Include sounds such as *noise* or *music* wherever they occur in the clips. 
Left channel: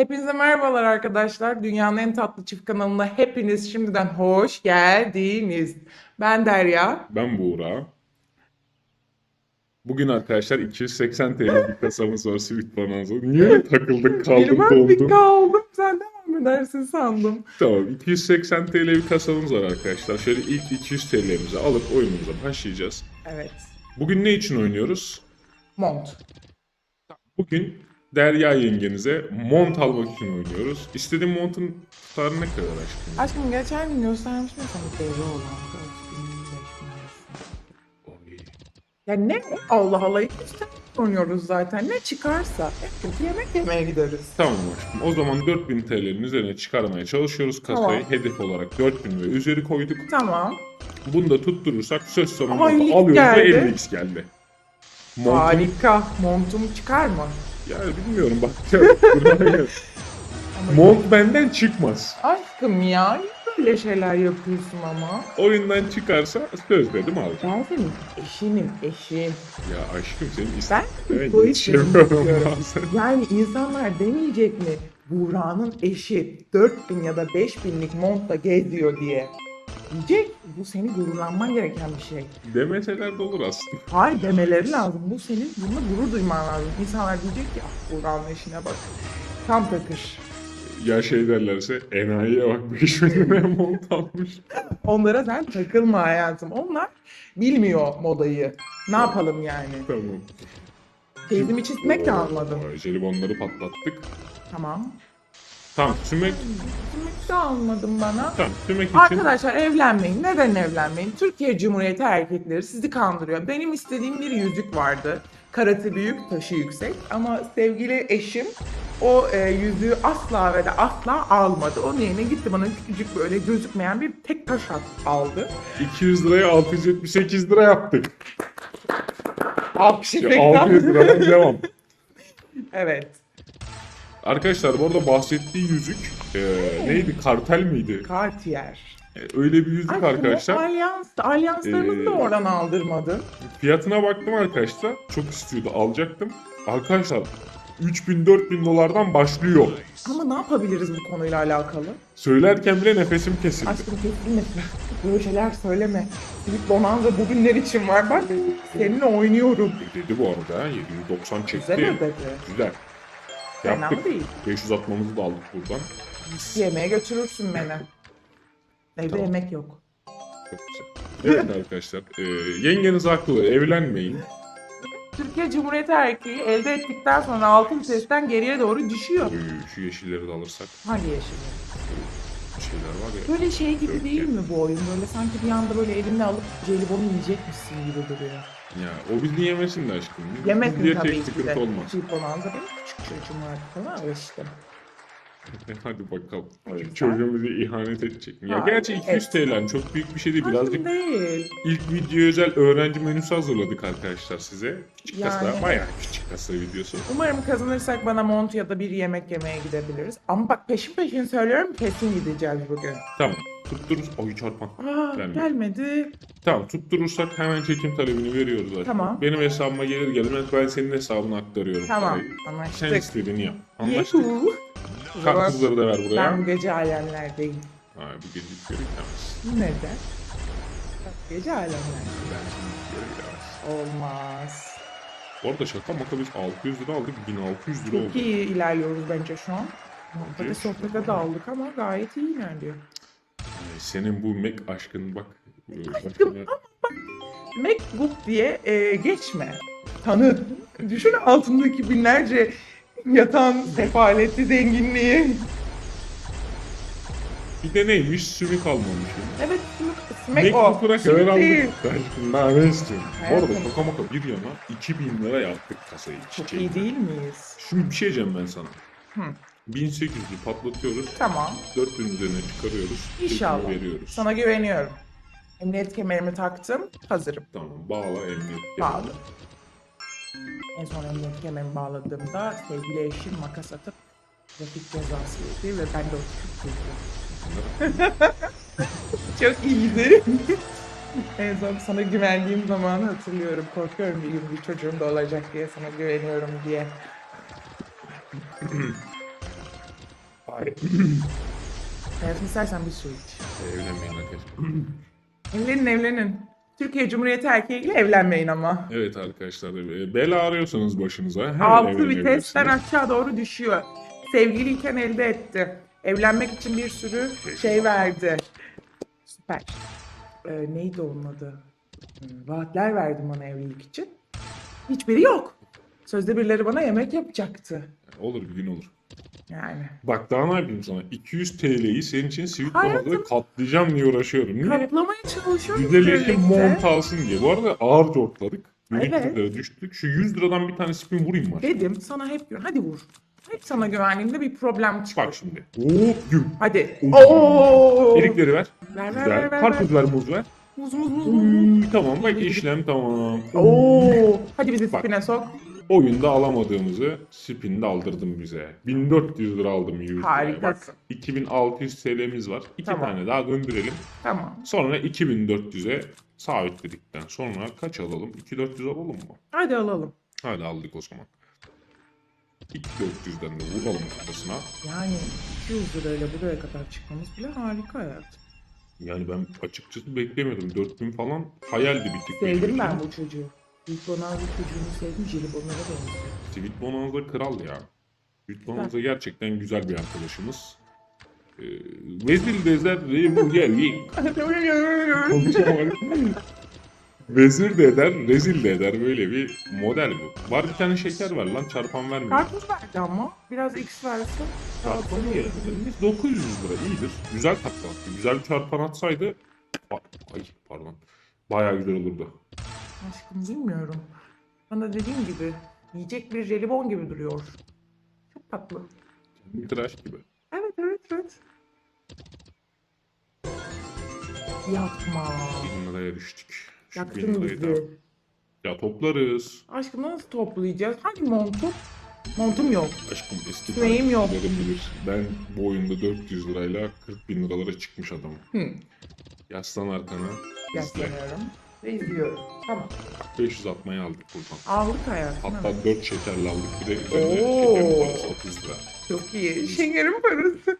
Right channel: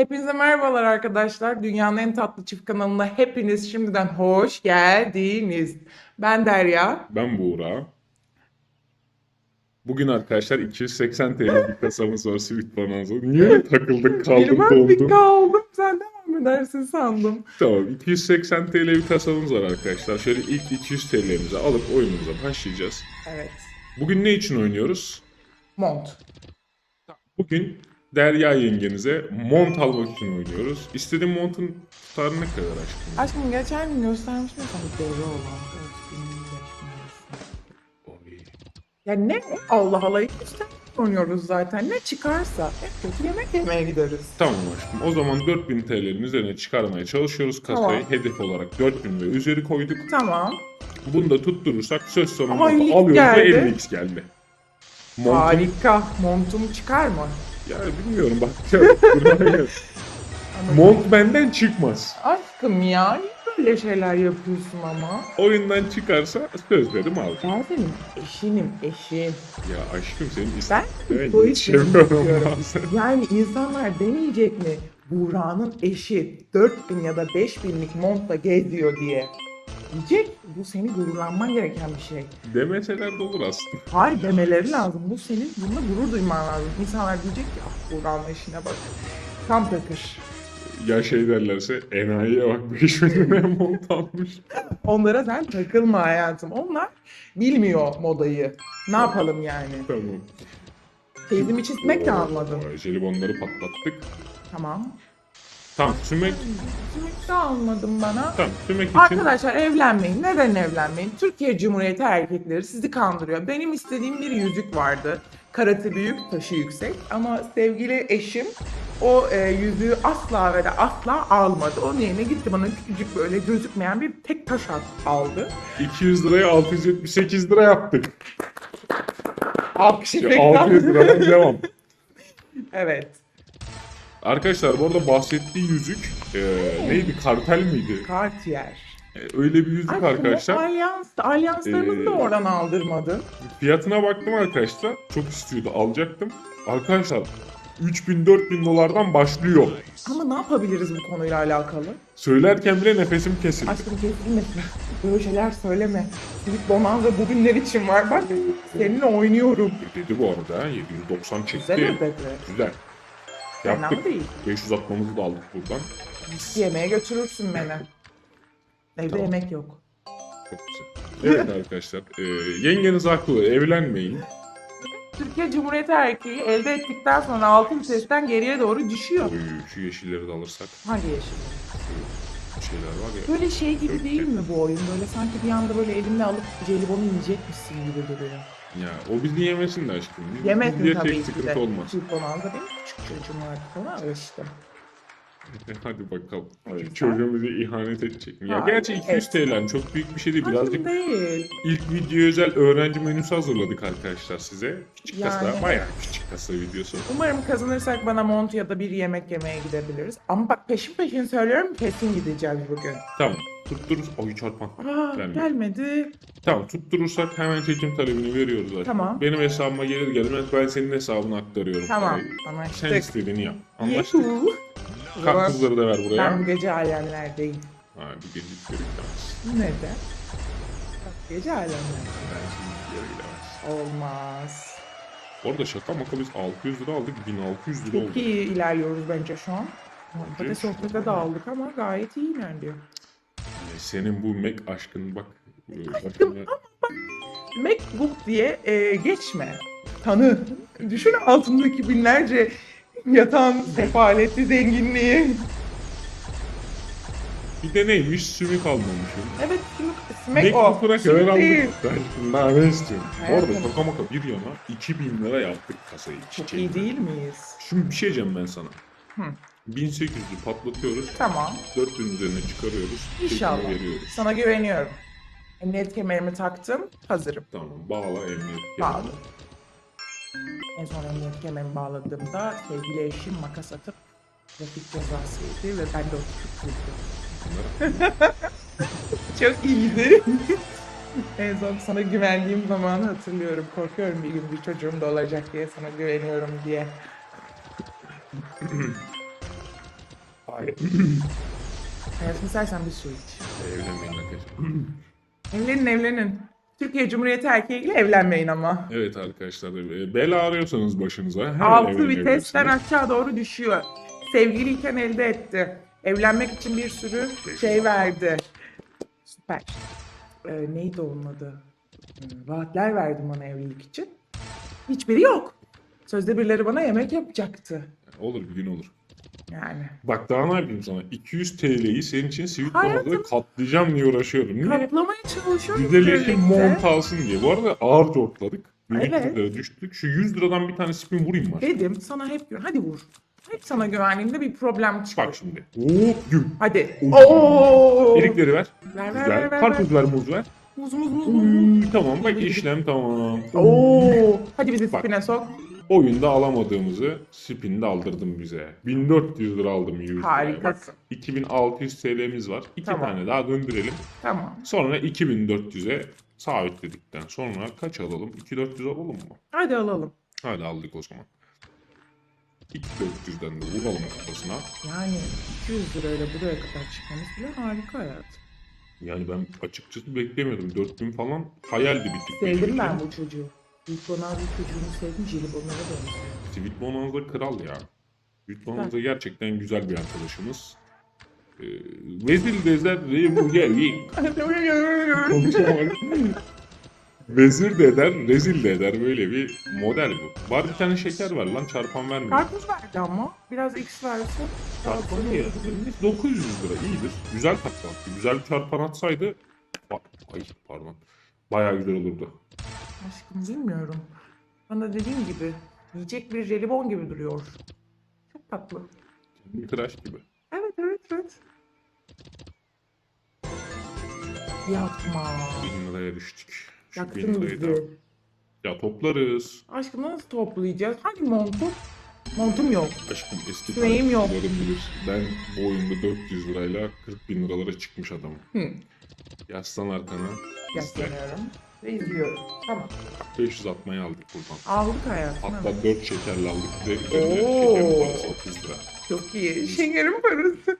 Hepinize merhabalar arkadaşlar. Dünyanın en tatlı çift kanalına hepiniz şimdiden hoş geldiniz. Ben Derya. Ben Buğra. Bugün arkadaşlar 280 TL bir kasamız var Sweet Bonanza. Niye *laughs* takıldık kaldım bir dondum. kaldım. Sen devam edersin sandım. Tamam 280 TL bir kasamız var arkadaşlar. Şöyle ilk 200 TL'mizi alıp oyunumuza başlayacağız. Evet. Bugün ne için oynuyoruz? Mont. Bugün Derya yengenize mont almak için oynuyoruz. İstediğim montun tutarı ne kadar aşkım? Aşkım geçen gün göstermiştim sana devre olan. Ya ne? Allah Allah. İşte oynuyoruz zaten. Ne çıkarsa. Çünkü yemek yemeye gideriz. Tamam aşkım. O zaman 4000 TL'nin üzerine çıkarmaya çalışıyoruz kasayı. Tamam. Hedef olarak 4000 ve üzeri koyduk. Tamam. Bunu da tutturursak söz ilk alıyoruz geldi. ve 50x geldi. Harika. Montum çıkar mı? Bilmiyorum. Ama Mont benden çıkmaz. Aşkım ya. Böyle şeyler yapıyorsun ama. Oyundan çıkarsa söz dedim alacağım. Ben senin eşinim, eşim. Ya aşkım senin Sen Evet, bu eşim. *laughs* Yani insanlar demeyecek mi? Buğra'nın eşi 4000 ya da 5000'lik montla geziyor diye. Diyecek. Bu seni gururlanman gereken bir şey. Demeseler de olur aslında. Hayır demeleri lazım. Bu senin bununla gurur duyman lazım. İnsanlar diyecek "Ah, Buğra'nın eşine bak. Tam takır. Ya şey derlerse enayiye bak 5 bin mont almış. Onlara sen takılma hayatım. Onlar bilmiyor modayı. Ne yapalım yani? Tamam. Teyzemi çizmek de almadım. Jelibonları patlattık. Tamam. Tamam sümek. De almadım bana. Tamam için. Arkadaşlar evlenmeyin. Neden evlenmeyin? Türkiye Cumhuriyeti erkekleri sizi kandırıyor. Benim istediğim bir yüzük vardı. Karate büyük, taşı yüksek. Ama sevgili eşim o e, yüzüğü asla ve asla almadı. Onun yerine gitti bana küçücük böyle gözükmeyen bir tek taş aldı. 200 liraya 678 lira yaptık. Alkış Ya, efekti 600 aldı. liradan devam. Evet. Arkadaşlar bu arada bahsettiği yüzük eee, neydi? Kartel miydi? Cartier. E, öyle bir yüzük arkadaşlar. Alyans, alyanslarımızı Ee, da oradan aldırmadı. Fiyatına baktım arkadaşlar. Çok istiyordum. Alacaktım. Arkadaşlar 3000-4000 dolardan başlıyor. Ama ne yapabiliriz bu konuyla alakalı? Söylerken bile nefesim kesildi. Aşkım kesinlikle böyle şeyler söyleme. Silip Bonanza bugünler için var. Bak seninle oynuyorum. Dedi bu arada. ha, 790 çekti. Güzel dedi. Güzel. Fena değil. 500 atmamızı da aldık buradan. Yemeğe götürürsün beni. Evde Tamam. yemek yok. Evet arkadaşlar. E, yengeniz haklı. Evlenmeyin. Türkiye Cumhuriyeti erkeği elde ettikten sonra altı vitesten geriye doğru düşüyor. Ee, Şu yeşilleri de alırsak. Şeyler var ya. Böyle şey gibi değil mi bu oyun? Böyle sanki bir anda böyle elimle alıp jelibonu yiyecekmişsin gibi duruyor. Ya, o bizi yemesin de aşkım. Biz- Yemesin bize tabii ki de. olmaz. Bonanza benim küçük çocuğum var falan ölçtüm. Hadi bakalım. Hadi. Çocuğumuza ihanet edecek mi? Ya Ha, gerçi 200 TL çok büyük bir şey değil. Hayır Birazcık değil. ilk video özel öğrenci menüsü hazırladık arkadaşlar size. Küçük Yani. kasa bayağı küçük kasa videosu. Umarım kazanırsak bana mont ya da bir yemek yemeye gidebiliriz. Ama bak peşin peşin söylüyorum kesin gideceğiz bugün. Tamam tutturur. Oy çarpma. Aa, Gelmedi. gelmedi. Tamam tutturursan hemen çekim talebini veriyoruz zaten. Tamam. Benim hesabıma gelir gelmez ben senin hesabına aktarıyorum. Tamam. parayı. Sen Anlaştık. istediğini yap. Anlaştık. Yuhu. Kartızları da ver buraya. Ben bu gece alemlerdeyim. Ha, bir gün görüyoruz. Neden? Bak gece alemlerdeyim. Olmaz. Bu arada şaka maka biz 600 lira aldık. 1600 lira Çok oldu. iyi ilerliyoruz bence şu an. Böyle sohbete dağıldık ama gayet iyi ilerliyor. Senin bu Mac aşkın bak. MacBook diye e, geçme. Tanı. Düşün altındaki binlerce yatağın sefaleti, zenginliği. Bir de neymiş? Sümük almamışım. Evet, Mac Mac bırak değil. Ben daha ne istiyorum? Orada maka maka bir yana 2000 lira yaptık kasayı. Çok iyi değil miyiz? Şimdi bir şey diyeceğim ben sana. Hı. 1800'ü patlatıyoruz. Tamam. 4000 üzerine çıkarıyoruz. İnşallah. veriyoruz. Sana güveniyorum. Emniyet kemerimi taktım. Hazırım. Tamam bağla emniyet. Bağlı. En son emniyet kemerimi bağladığımda sevgili eşim makas atıp trafik cezası etti ve ben de o *laughs* Çok iyiydi. en son sana güvendiğim zamanı hatırlıyorum. Korkuyorum benim bir çocuğum da olacak diye sana güveniyorum diye. *clears throat* Hayır. Hayatım istersen bir su iç. Evlenmeyin arkadaşlar. Evlenin evlenin. Türkiye Cumhuriyeti erkeğiyle evlenmeyin ama. Evet arkadaşlar. e, Bela arıyorsanız başınıza. hemen Altı evlenebilirsiniz. vitesler aşağı doğru düşüyor. Sevgiliyken elde etti. Evlenmek için bir sürü şey verdi. Süper. Ee, neydi onun adı? Hmm, Vaatler verdim ona evlilik için. Hiçbiri yok. Sözde birileri bana yemek yapacaktı. Olur bir gün olur. Yani. Bak daha ne yapayım sana? 200 TL'yi senin için Hayatım. boğazı katlayacağım diye uğraşıyorum. değil mi? Kanıtlamaya çalışıyorum. Güzel eşim birlikte. mont alsın diye. Bu arada ağır topladık. 100 Evet. liraya düştük. Şu 100 liradan bir tane spin vurayım var. Dedim sana hep hadi vur. Hep sana güvendiğimde bir problem Bak çıkıyor. şimdi. Hop güm. Hadi. Oo. Delikleri ver. Ver, ver, ver, Güzel. ver, ver. Karpuzları muz ver. Muz, muz, muz, tamam bak işlem tamam. Oo. Hadi bizi Bak. spine sok. Oyunda alamadığımızı spinde aldırdın bize. 1400 lira aldım 100 liraya. Bak Harikasın. 2600 TL'miz var. İki Tamam. tane daha döndürelim. Tamam. Sonra 2400'e sabitledikten sonra kaç alalım? 2400 alalım mı? Hadi alalım. Hadi aldık o zaman. 2400'den de vuralım kafasına. Yani 200 lirayla buraya kadar çıkmamız bile harika hayat. Yani ben açıkçası beklemiyordum. 4000 falan hayaldi bir tık. Sevdim ben bu çocuğu. Ronaldo çocuğunu. Onlara da. Sweet Bonanza kral ya. Sweet Bonanza gerçekten güzel bir arkadaşımız. Ee, Vezir. Konuşamadım. Vezir de eder, rezil de eder böyle bir model bu. Var bir tane şeker var lan çarpan vermiyor. Karpuz verdi ama. Biraz X versin. Çarpan yarısı 900 lira iyidir. Güzel patlattı. Güzel bir çarpan atsaydı bak, ay, pardon. Bayağı güzel olurdu. Aşkım bilmiyorum. Bana dediğim gibi yiyecek bir jelibon gibi duruyor. Çok tatlı. Tıraş gibi. Evet evet evet. Yapma. 1000 liraya düştük. Şu Yaktın 1000 lirayı bizi. da- Ya toplarız. Aşkım nasıl toplayacağız? Hani montum? Montum yok. Aşkım kestik. Neyim yok? Ben bu oyunda 400 lirayla 40 bin liralara çıkmış adamım. Hı. Yaslan arkana. Yapıyorum. Ve izliyorum. Tamam. 500 atmayı aldık buradan. Aldık hayatım. Hatta evet. 4 şekerle aldık. Bir de Oo. şekerin parası 30 lira. Çok iyi. Şekerim parası.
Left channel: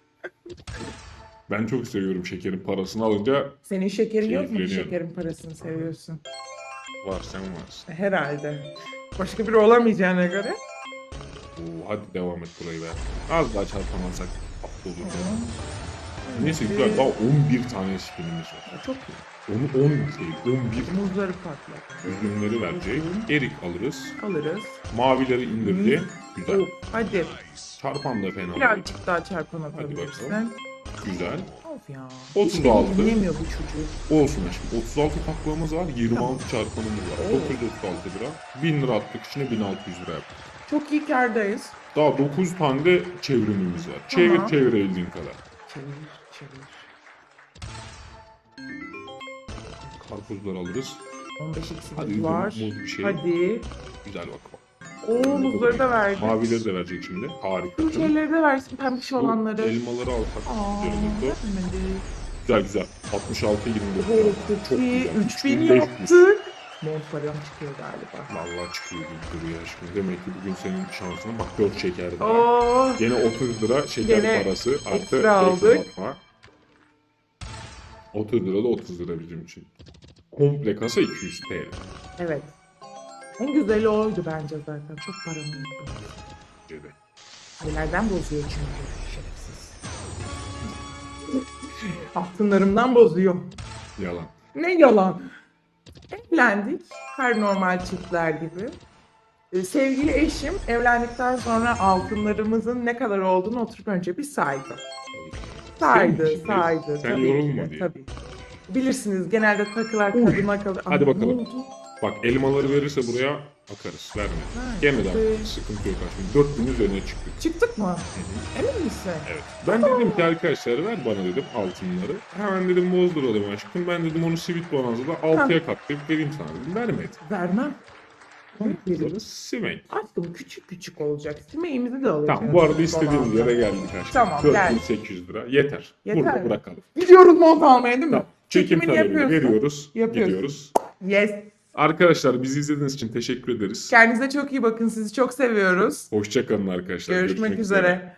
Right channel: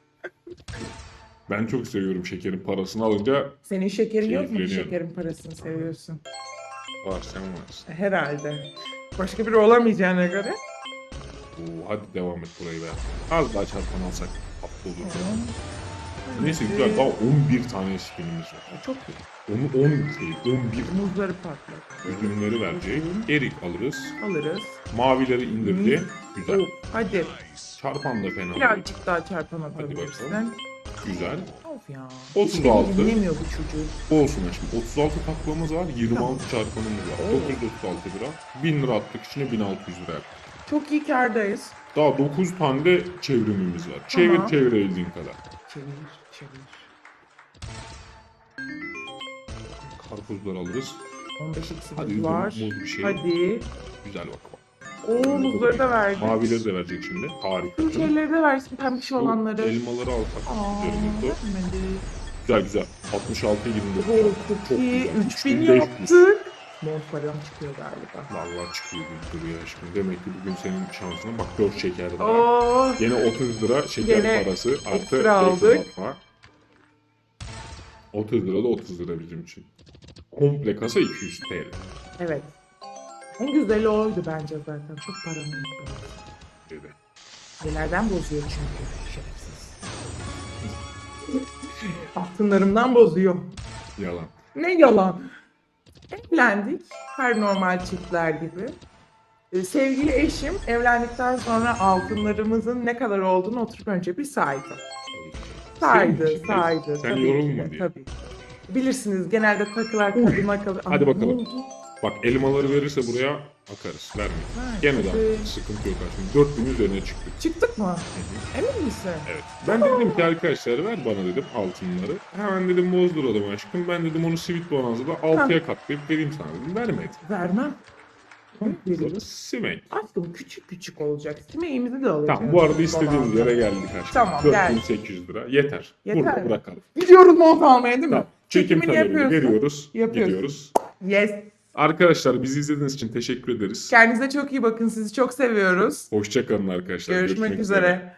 Ben çok seviyorum şekerin parasını alınca Senin şekerin yok mu? Şekerin parasını seviyorsun. var sen varsın. Herhalde. Başka biri olamayacağına göre. Hadi devam et burayı ver. Az daha çarpan alsak. Olur. Neyse. O 11 tane spinimiz var. Çok iyi. Onu 10 değil, 11 Muzları patlat. ürünleri verecek. Erik alırız. Alırız. Mavileri indirdi. Güzel. Hadi. Çarpan da fena değil. Birazcık daha çarpan bakalım. atabilirsin. Güzel. Of ya. 36. Yemiyor bu çocuğum. Olsun aşkım. 36 taklamız var. 26 çarpanımız var. 936 lira. 1000 lira attık içine 1600 lira yaptık. Çok iyi kârdayız. Daha 9 tane de çevrimimiz var. Çevir Tamam. çevirebildiğin kadar. Çevir, çevir. Karpuzları alırız. 15 eksimiz Hadi var. muz bir şey. Hadi. Güzel bak. Oo da verdi. Mavileri de verecek şimdi. Harika. Şeyleri de versin pembiş Bu olanları. elmaları alsak. Güzel, Güzel güzel. 66 29. Oo, çok iyi. 3000 3500. yaptık. Benim param çıkıyor galiba. Vallahi çıkıyor gibi duruyor şimdi. Demek ki bugün senin şansına bak 4 şeker daha. Aa, Yine 30 lira şeker Yine parası artı ekstra ekstra aldık. atma. 30 lira da 30 lira bizim için. Komple kasa 200 TL. evet. En güzeli oydu bence zaten. Çok para biriktirdim. gibi. Nelerden bozuyor çünkü. Şerefsiz. Altınlarımdan bozuyor. Yalan. Ne yalan. Evlendik. Her normal çiftler gibi. Ee, sevgili eşim evlendikten sonra altınlarımızın ne kadar olduğunu oturup önce bir saydı. Saydı, saydı. Sen tabii yorulma ki, diye. Tabii. Bilirsiniz genelde takılar kadına kalır. Hadi Ama bakalım. ne oldu? Bak elmaları verirse buraya bakarız. Verme. Gene de sıkıntı yok. Şimdi 4000 üzerine çıktık. Çıktık mı? Emin misin? Evet. Ben dedim ki arkadaşlar ver bana dedim altınları. Hemen dedim bozduralım aşkım. Ben dedim onu Sweet Bonanza'da 6'ya katlayıp vereyim sana dedim. Vermedi. Vermem. Burada Simek. Aslında küçük küçük olacak. Simeğimizi de alacağız. Tamam bu arada istediğim yere geldik aşkım. Tamam, gel. 4800 lira. Yeter. Yeter. Burada bırakalım. Gidiyoruz mont almaya değil mi? Tamam. Çekim yapıyorsun. veriyoruz. Yapıyorsun. Gidiyoruz. Yes. Arkadaşlar bizi izlediğiniz için teşekkür ederiz. Kendinize çok iyi bakın. Sizi çok seviyoruz. Hoşçakalın arkadaşlar. Görüşmek üzere.